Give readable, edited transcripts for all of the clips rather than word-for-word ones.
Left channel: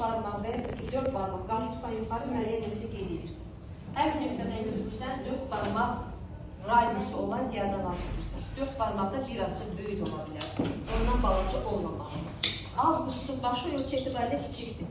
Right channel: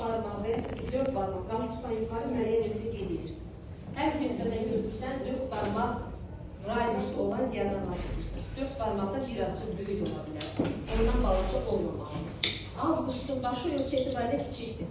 barmaq və 4 barmaq qalxırsan yuxarı müəyyən nöqtə qeyd edirsən. Hər bir nöqtədən götürürsən 4 barmaq radiusu olan diagonal alırsan. 4 barmaq da birazcık böyük ola bilər. Ondan balaca olmamalı. Avqustun başı ölçü etibarilə kiçikdir.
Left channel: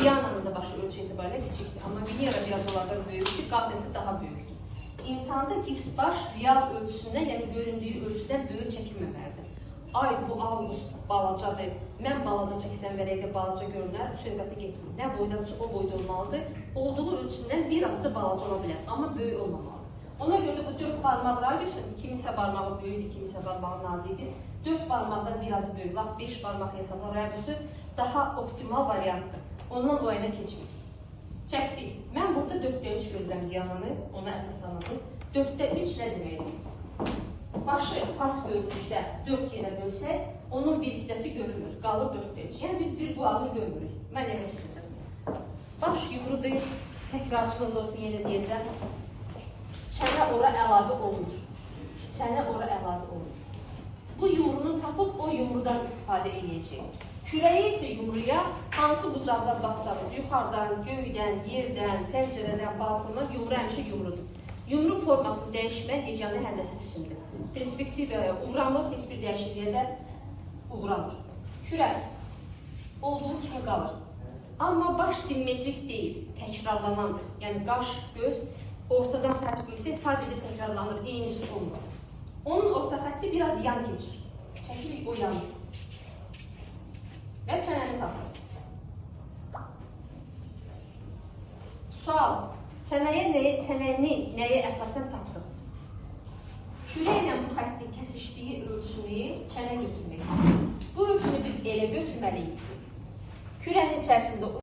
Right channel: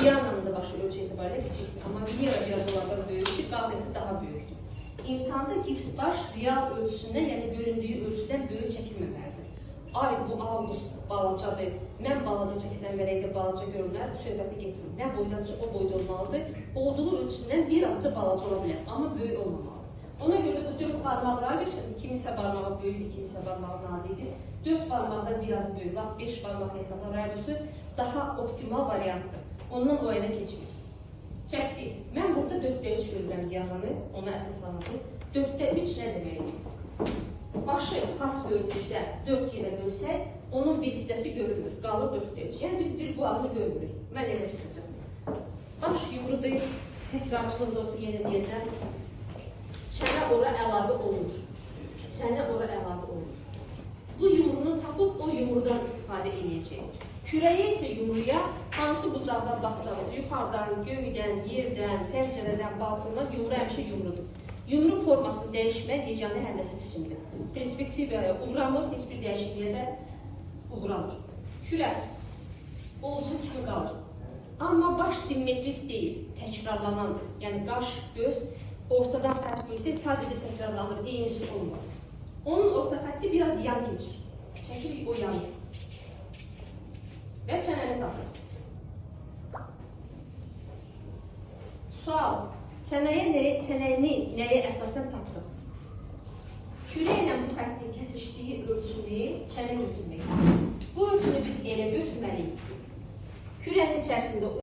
Viyananın da başı ölçü etibarilə kiçikdir. Amma Venera biraz onlardan böyükdür, qafləsi daha böyükdür. İmtihanda X baş real ölçüsündən, yəni göründüyü ölçüdən böyük çəkilməməlidir. Ay, bu Avqust balacadır, mən balaca çəksəm verəkdə balaca görünər, söhbəti getmir. Nə boydadırsa o boyda olmalıdır. Olduğu ölçündən birazca balaca ola bilər, amma böyük olmamalı. Ona görə də bu 4 barmaq radiusu, kiminsə barmağı böyükdür, kiminsə barmağı nazikdir. 4 barmaqdan biraz böyük, 5 barmaq hesabla radiusu daha optimal variantdır. Ondan o yana keçmir. Çəkdik. Mən burada 4'də 3 görürəm diagonalını, ona əsaslanırdım. 4'də 3 nə deməkdir? Başı pas bölmüşdə 4 yerə bölsək, onun bir hissəsi görünür, qalır 4'də 3. Yəni biz bir qulağını görmürük. Mən elə çıxacaq. Baş yumrudur, təkrarçılıq olsun, yenə deyəcəm. Çənə ora əlavə olunur. Çənə ora əlavə olunur. Bu yumrunu tapıb o yumrudan istifadə edəcək. Kürəyə isə yumruya hansı bucaqdan baxsanız, yuxarıdan, göydən, yerdən, pəncərədən, balkondan yumru həmişə yumrudur. Yumru formasını dəyişmək yeganə həndəsə seçimdir. Perspektivaya uğramır, heç bir dəyişikliyə də uğramır. Kürək olduğu kimi qalır. Amma baş simmetrik deyil, təkrarlanandır. Yəni qaş, göz ortadan xətt qoysaq sadəcə təkrarlanır, eynisi olmur. Onun orta xətti biraz yan keçir. Çəkirik o yanı. Və çənəni tapır. Sual. Çənəni nəyə əsasən tapdıq? Kürəklə bu xəttin kəsişdiyi ölçünü çənə götürməkdir. Bu ölçünü biz elə götürməliyik ki, kürənin içərisində